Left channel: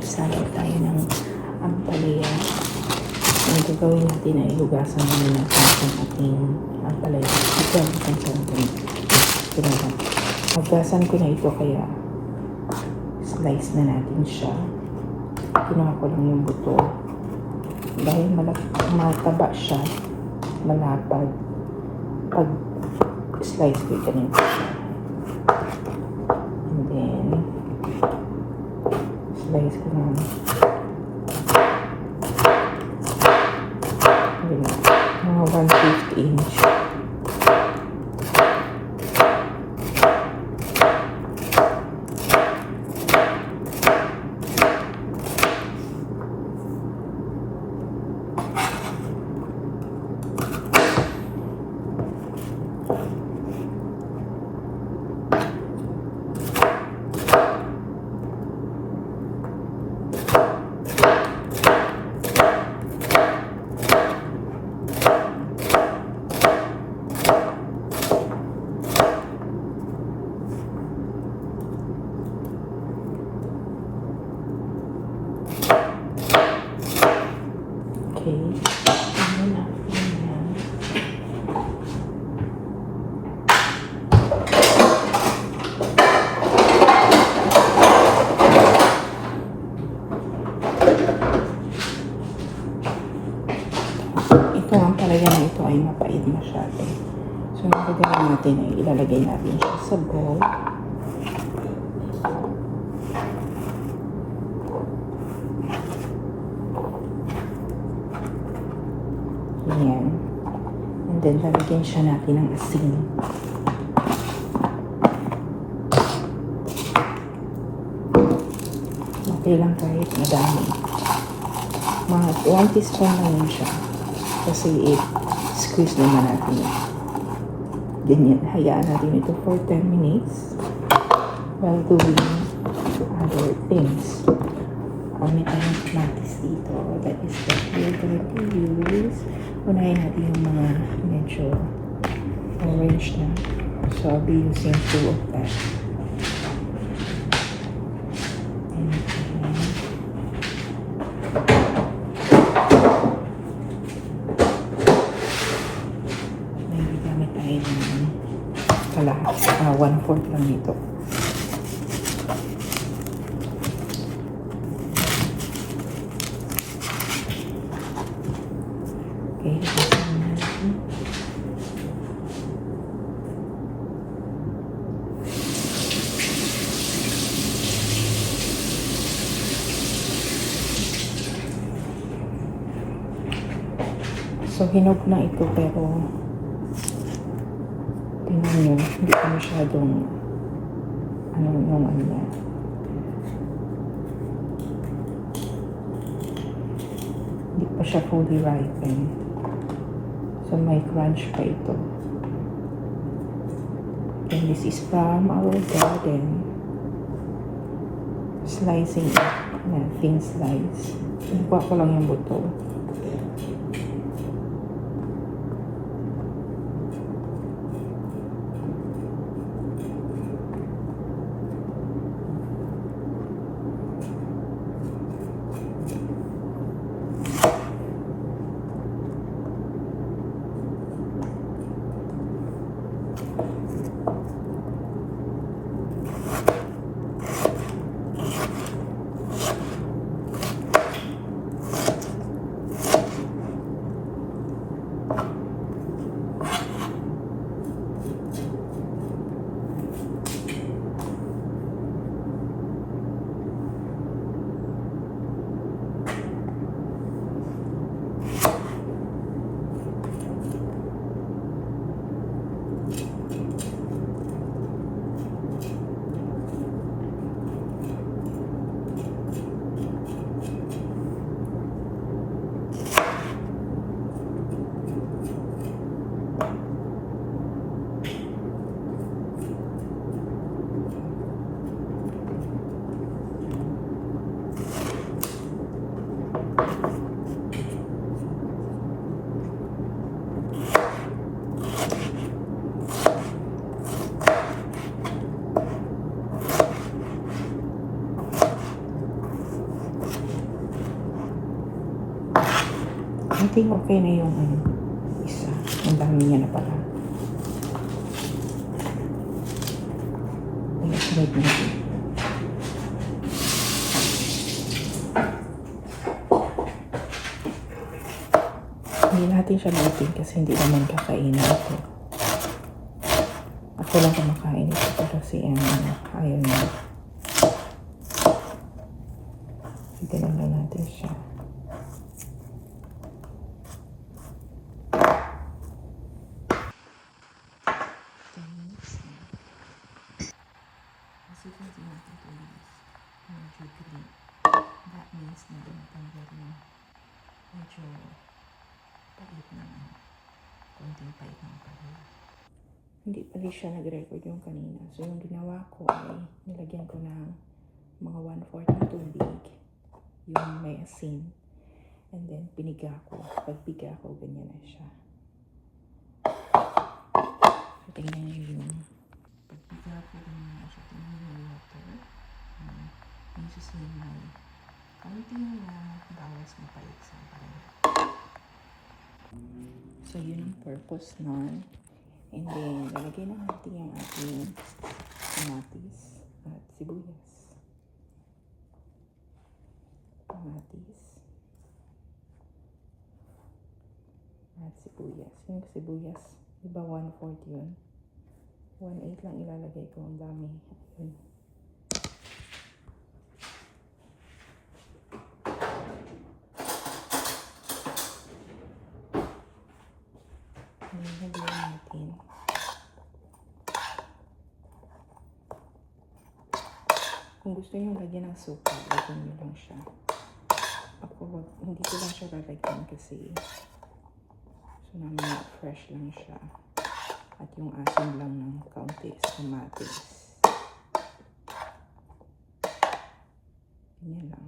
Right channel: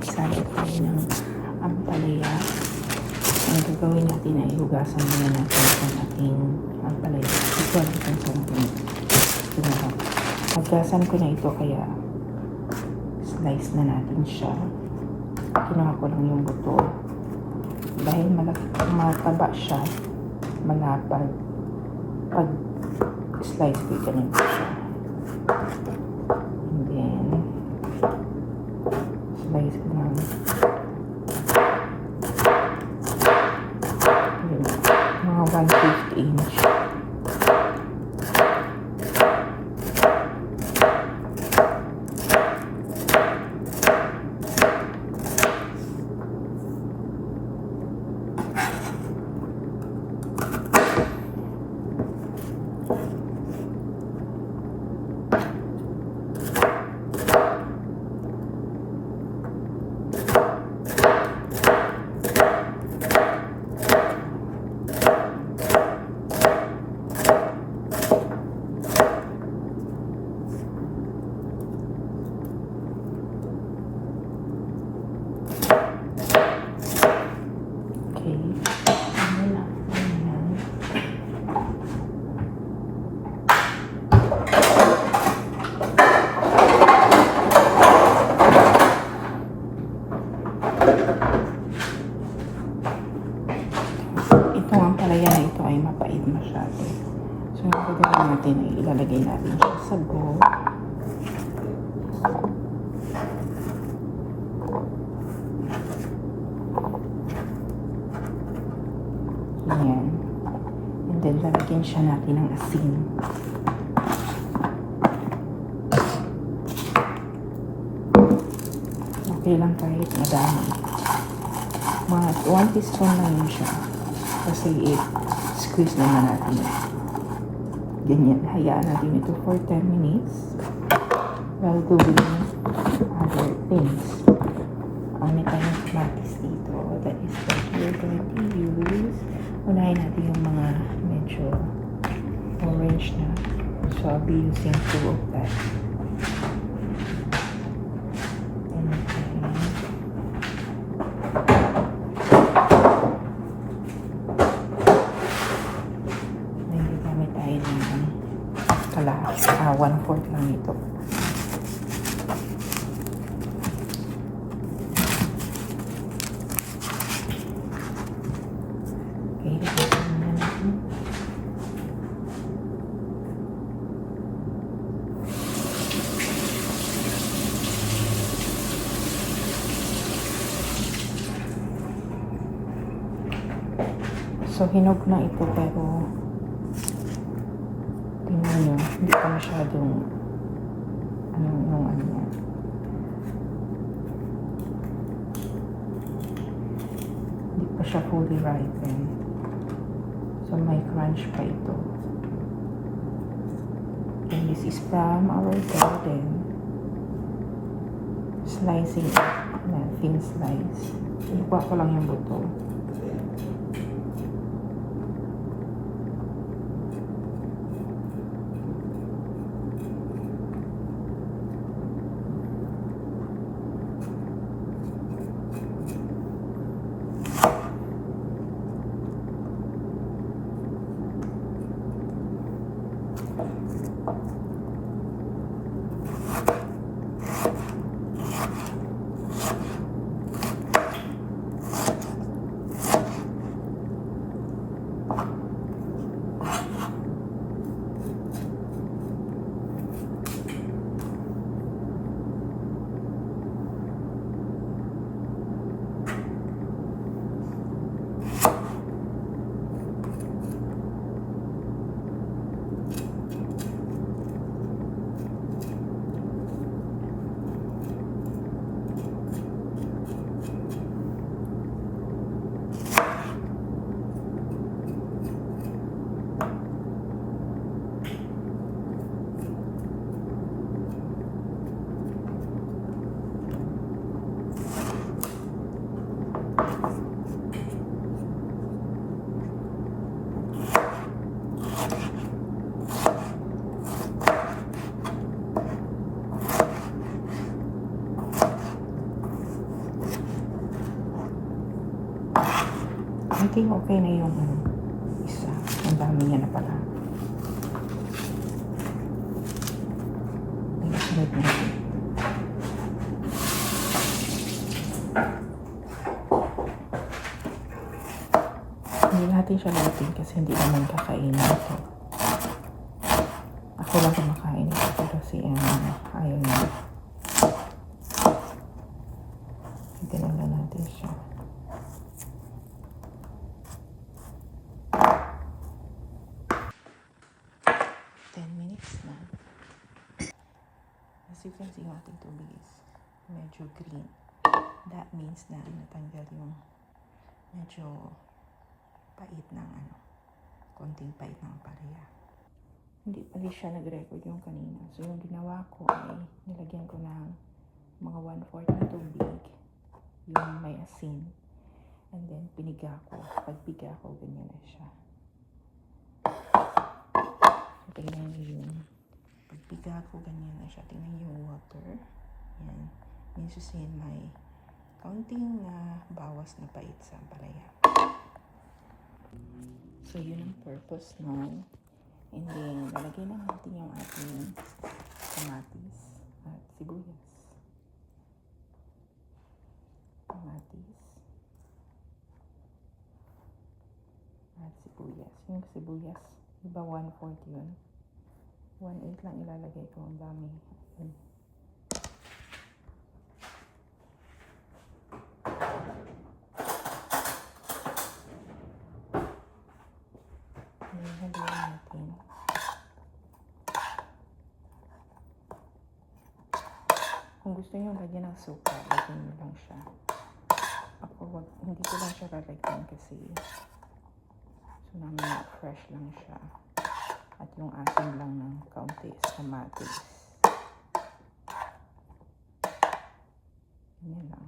magsalat tayo ng ampalaya. Ang gagawin natin ay hugasan muna natin ang ating ampalaya. Ito ang isang sandali. Hugasan ko na ito kaya slice na natin siya. Kinuha ko lang yung buto. Dahil mataba siya, malapad. Pag slice ko ito nito siya. And then, slice ko na. Mga 1/5 inch. Okay. Ano na? Ito ang palaya na ito ay mapait masyado. So, ang gagawin natin ay ilalagay natin siya sa bowl. Ayan. And then, lalagyan siya natin ng asin. Okay lang kahit madami. Mga 1 teaspoon lang yun siya. Kasi squeeze naman natin ito. Ganyan. Hayaan natin ito for 10 minutes while doing other things. Ang tayong kamatis dito. That is what we're going to use. Unahin natin yung mga medyo orange na. So, I'll be using 2 of that. Maybe gamit tayo ng kalahas. 1/4 lang ito. Okay, hugasan na natin. So, hinog na ito pero tingnan nyo, hindi pa masyadong ano yan. Hindi pa siya fully ripened. So, may crunch pa ito. And this is from our garden. Slicing it na thin slice. Nakuha ko lang yung buto. I think okay na yung isa. Ang dami niya na pala. Sunod natin. Hindi natin siya lutin kasi hindi naman kakainin ito. Ako lang kumakain ito pero si ayaw niya. Ganun lang natin siya. As you can see, natin tubig is medyo green. That means na natanggal yung medyo pait ng konting pait ng palaya. Hindi pa rin siya nag-record yung kanina. So yung ginawa ko ay nilagyan ko ng mga 1/4 na tubig. Yung may asin. And then piniga ko. Pagpiga ko, ganyan na siya. Ganyan yung pagpiga ko, ganyan na siya. Tingnan yung water. Means to say may kaunting bawas na pait sa palaya. So yun ang purpose nun. And then lalagay na natin yung ating kamatis at sibuyas. Kamatis at sibuyas. Yung sibuyas, diba 1/4 yun? 1/8 lang ilalagay ko. Ang dami. Ayun. Halihan natin. Kung gusto nyo lagyan ng suka, lagyan nyo lang siya. Ako, hindi ko lang siya lalagyan kasi so namin fresh lang siya. At yung asin lang ng kaunti sa kamatis. Ganyan lang.